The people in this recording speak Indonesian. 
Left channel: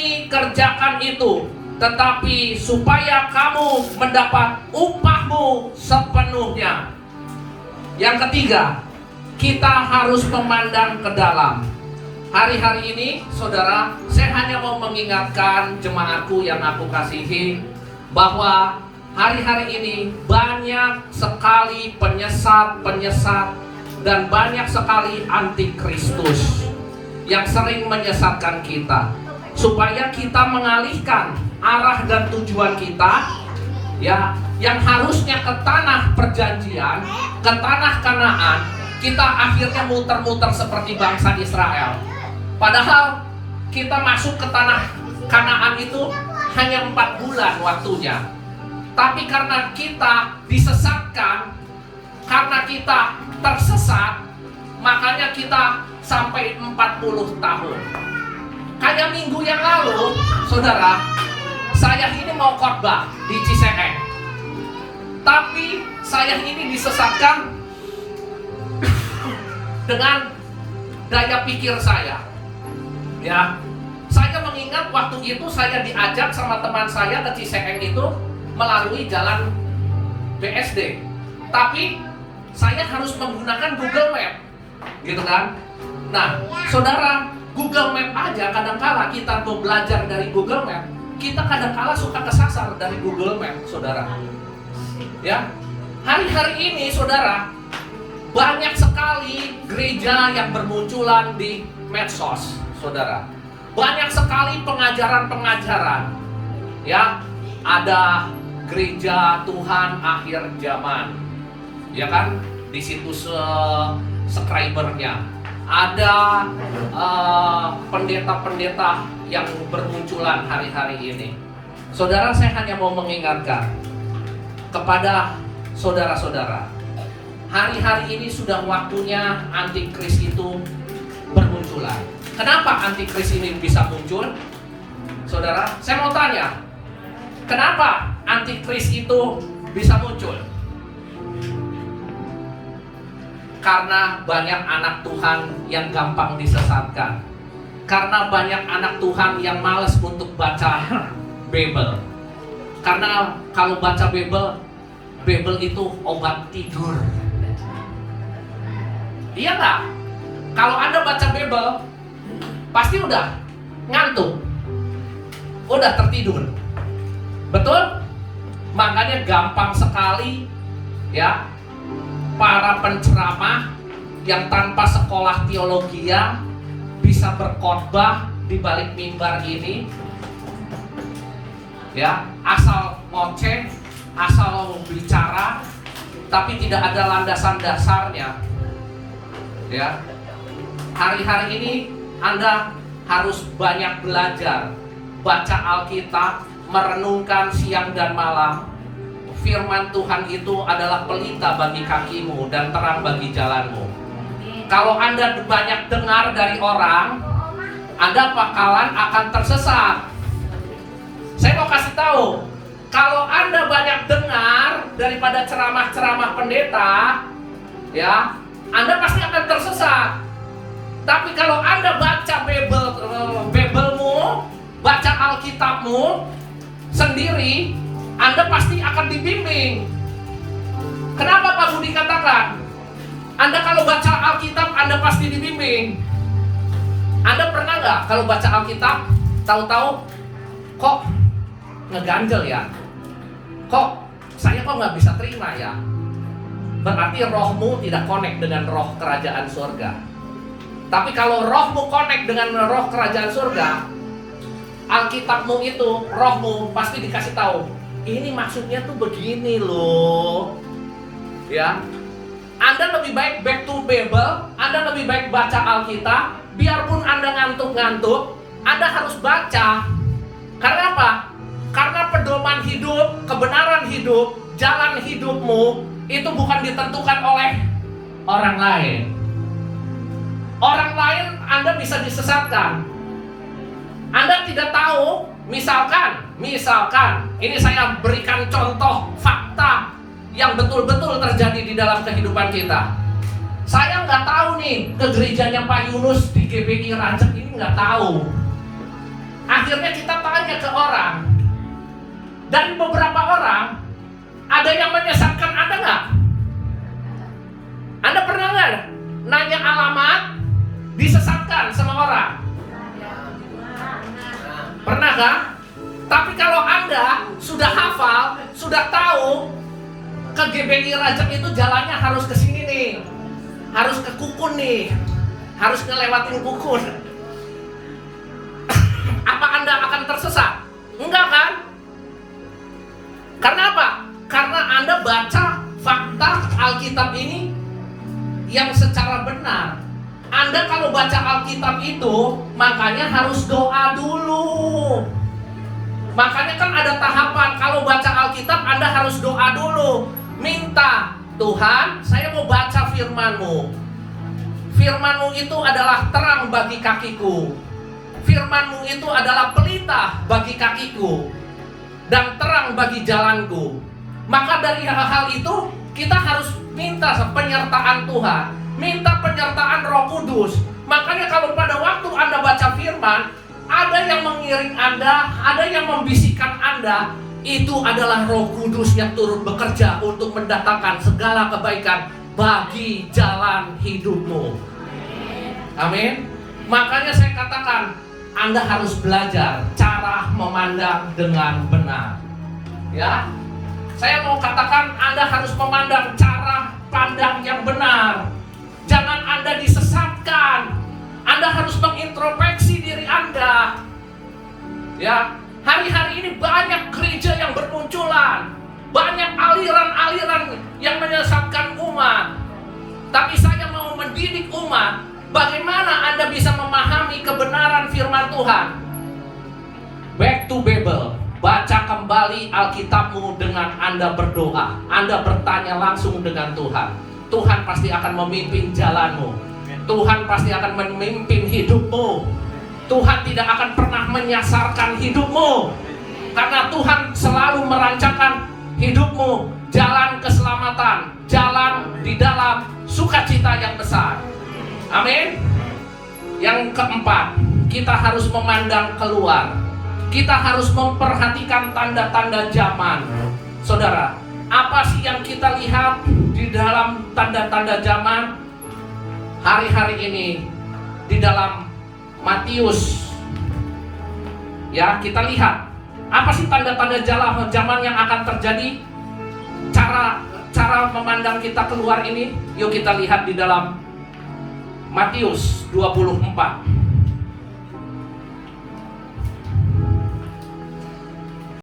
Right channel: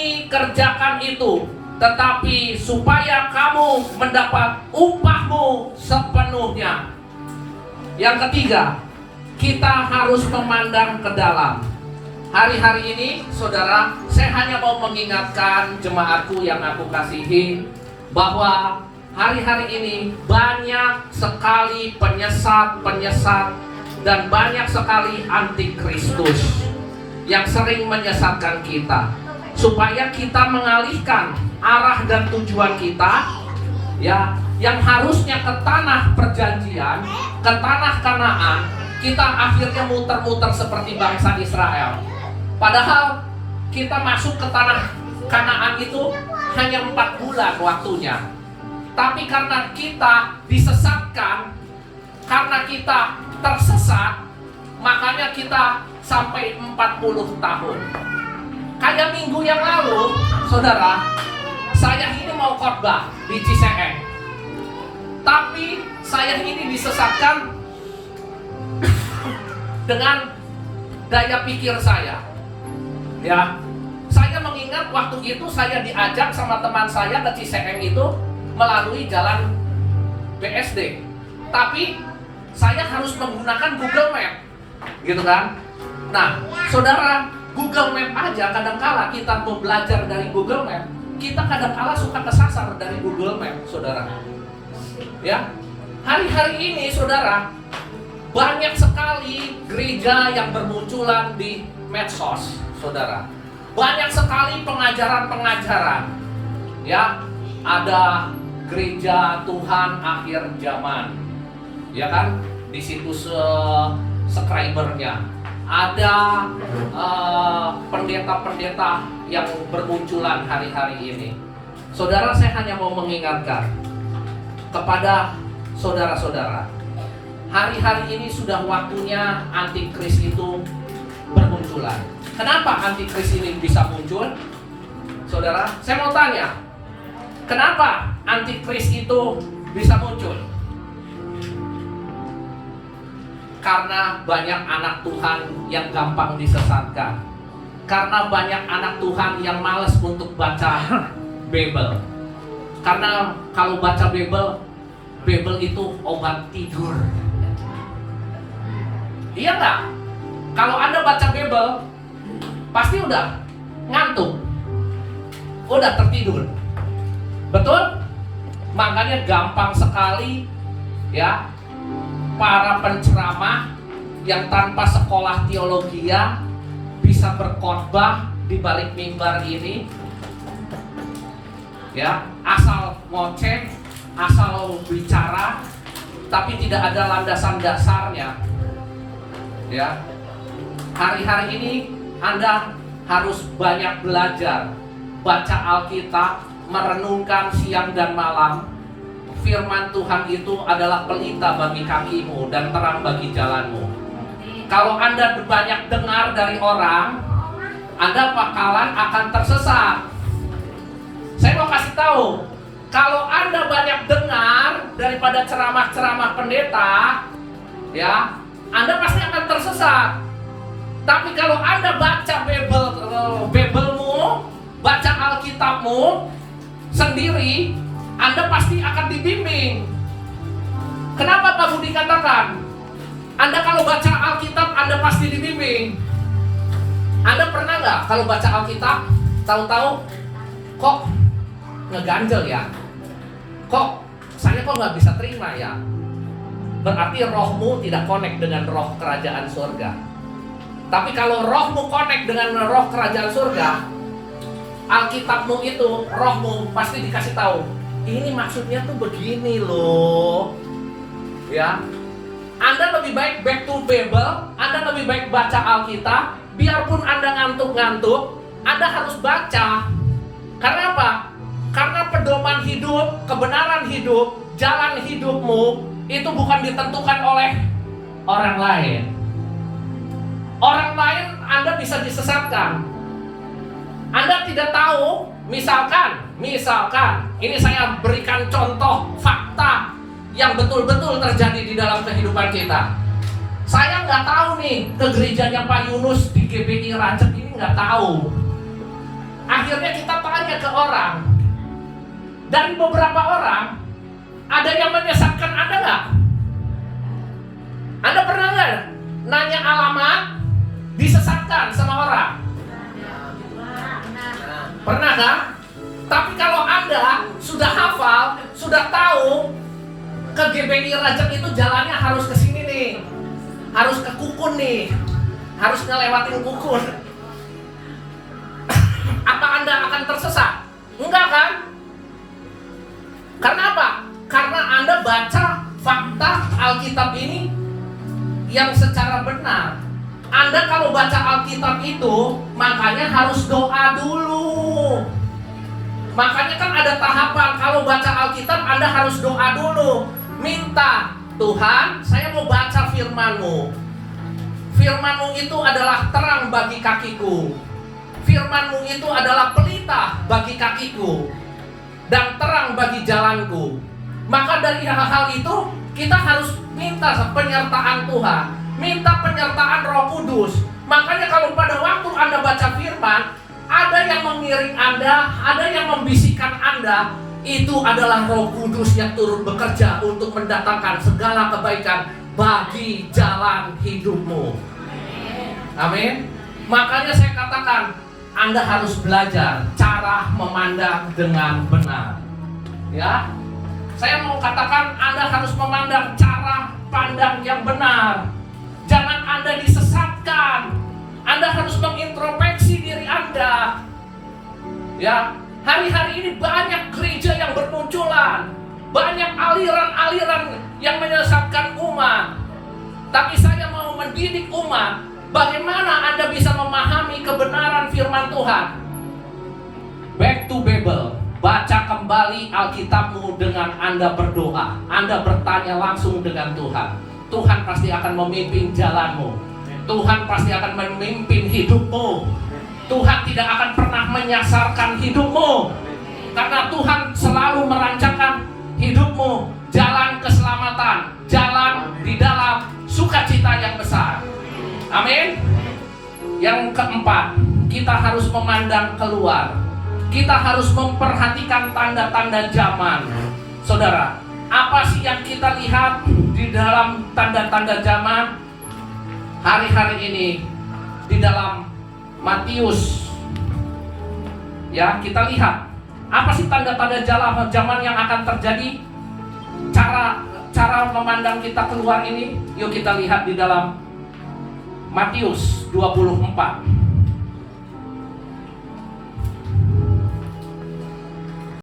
ini, kerjakan itu, tetapi supaya kamu mendapat upahmu sepenuhnya. Yang ketiga, kita harus memandang ke dalam. Hari-hari ini, saudara, saya hanya mau mengingatkan jemaatku yang aku kasihi, bahwa hari-hari ini banyak sekali penyesat-penyesat dan banyak sekali antikristus yang sering menyesatkan kita, supaya kita mengalihkan arah dan tujuan kita, ya, yang harusnya ke tanah perjanjian, ke tanah Kanaan, kita akhirnya muter-muter seperti bangsa Israel. Padahal kita masuk ke tanah Kanaan itu hanya 4 bulan waktunya. Tapi karena kita disesatkan, karena kita tersesat, makanya kita sampai 40 tahun. Kayak minggu yang lalu, saudara, saya ini mau khotbah di Ciseeng, tapi saya ini disesatkan dengan daya pikir saya. Ya, saya mengingat waktu itu saya diajak sama teman saya ke Ciseeng itu melalui jalan BSD, tapi saya harus menggunakan Google Map, gitu kan? Nah, saudara, Google Map aja kadangkala kita mau belajar dari Google Map, kita kadangkala suka kesasar dari Google Map, saudara. Ya, hari-hari ini, saudara, banyak sekali gereja yang bermunculan di medsos, saudara. Banyak sekali pengajaran-pengajaran, ya, ada gereja Tuhan akhir zaman, ya kan? Di situs subscribernya ada pendeta-pendeta yang bermunculan hari-hari ini. Saudara, saya hanya mau mengingatkan kepada saudara-saudara, hari-hari ini sudah waktunya antikris itu bermunculan. Kenapa antikris ini bisa muncul? Saudara, saya mau tanya, kenapa antikris itu bisa muncul? Karena banyak anak Tuhan yang gampang disesatkan. Karena banyak anak Tuhan yang malas untuk baca Bible. Karena kalau baca Bible itu obat tidur. Iya nggak? Kalau Anda baca Bible, pasti udah ngantuk, udah tertidur. Betul? Makanya gampang sekali, ya, para penceramah yang tanpa sekolah teologi bisa berkhotbah di balik mimbar ini, ya, asal ngoceh, asal bicara, tapi tidak ada landasan dasarnya. Ya, hari-hari ini Anda harus banyak belajar, baca Alkitab, merenungkan siang dan malam. Firman Tuhan itu adalah pelita bagi kakimu dan terang bagi jalanmu. Kalau Anda banyak dengar dari orang, Anda bakalan akan tersesat. Saya mau kasih tahu, kalau Anda banyak dengar daripada ceramah-ceramah pendeta, ya, Anda pasti akan tersesat. Tapi kalau Anda baca Bible-mu, baca Alkitabmu sendiri, Anda pasti akan dibimbing. Kenapa Pak Budi katakan, Anda kalau baca Alkitab, Anda pasti dibimbing? Anda pernah nggak kalau baca Alkitab, tahu-tahu kok ngeganjel ya? Kok saya nggak bisa terima ya? Berarti rohmu tidak connect dengan roh kerajaan surga. Tapi kalau rohmu connect dengan roh kerajaan surga, Alkitabmu itu, rohmu pasti dikasih tahu, ini maksudnya tuh begini loh. Ya, Anda lebih baik back to Bible, Anda lebih baik baca Alkitab. Biarpun Anda ngantuk-ngantuk, Anda harus baca. Karena apa? Karena pedoman hidup, kebenaran hidup, jalan hidupmu itu bukan ditentukan oleh orang lain. Orang lain Anda bisa disesatkan. Anda tidak tahu, misalkan, ini saya berikan contoh fakta yang betul-betul terjadi di dalam kehidupan kita. Saya nggak tahu nih, ke gerejanya Pak Yunus di GBI Racek ini nggak tahu. Akhirnya kita tanya ke orang. Dari beberapa orang, ada yang menyesatkan Anda nggak? Anda pernah nggak nanya alamat, disesatkan sama orang? Pernah kan? Tapi kalau Anda sudah hafal, sudah tahu ke GBI Rajek itu jalannya harus ke sini nih, harus ke Kukun nih, harus ngelewatin Kukun. Apa Anda akan tersesat? Enggak kan? Karena apa? Karena Anda baca fakta Alkitab ini yang secara benar. Anda kalau baca Alkitab itu, makanya harus doa dulu. Makanya kan ada tahapan. Kalau baca Alkitab, Anda harus doa dulu. Minta, Tuhan, saya mau baca firman-Mu. Firman-Mu itu adalah terang bagi kakiku. Firman-Mu itu adalah pelita bagi kakiku dan terang bagi jalanku. Maka dari hal-hal itu kita harus minta penyertaan Tuhan, minta penyertaan Roh Kudus. Makanya kalau pada waktu Anda baca firman, ada yang mengiring Anda, ada yang membisikkan Anda, itu adalah Roh Kudus yang turut bekerja untuk mendatangkan segala kebaikan bagi jalan hidupmu. Amin. Makanya saya katakan, Anda harus belajar cara memandang dengan benar. Ya, saya mau katakan Anda harus memandang cara pandang yang benar. Jangan Anda disesatkan. Anda harus mengintrospeksi diri Anda. Ya, hari-hari ini banyak gereja yang bermunculan, banyak aliran-aliran yang menyesatkan umat. Tapi saya mau mendidik umat, bagaimana Anda bisa memahami kebenaran firman Tuhan. Back to Bible. Baca kembali Alkitabmu dengan Anda berdoa. Anda bertanya langsung dengan Tuhan. Tuhan pasti akan memimpin jalanmu. Tuhan pasti akan memimpin hidupmu. Tuhan tidak akan pernah menyasarkan hidupmu. Karena Tuhan selalu merancangkan hidupmu jalan keselamatan, jalan di dalam sukacita yang besar. Amin. Yang keempat, kita harus memandang keluar. Kita harus memperhatikan tanda-tanda zaman. Saudara, apa sih yang kita lihat di dalam tanda-tanda zaman hari-hari ini di dalam Matius? Ya, kita lihat apa sih tanda-tanda zaman yang akan terjadi. Cara memandang kita keluar ini, yuk kita lihat di dalam Matius 24.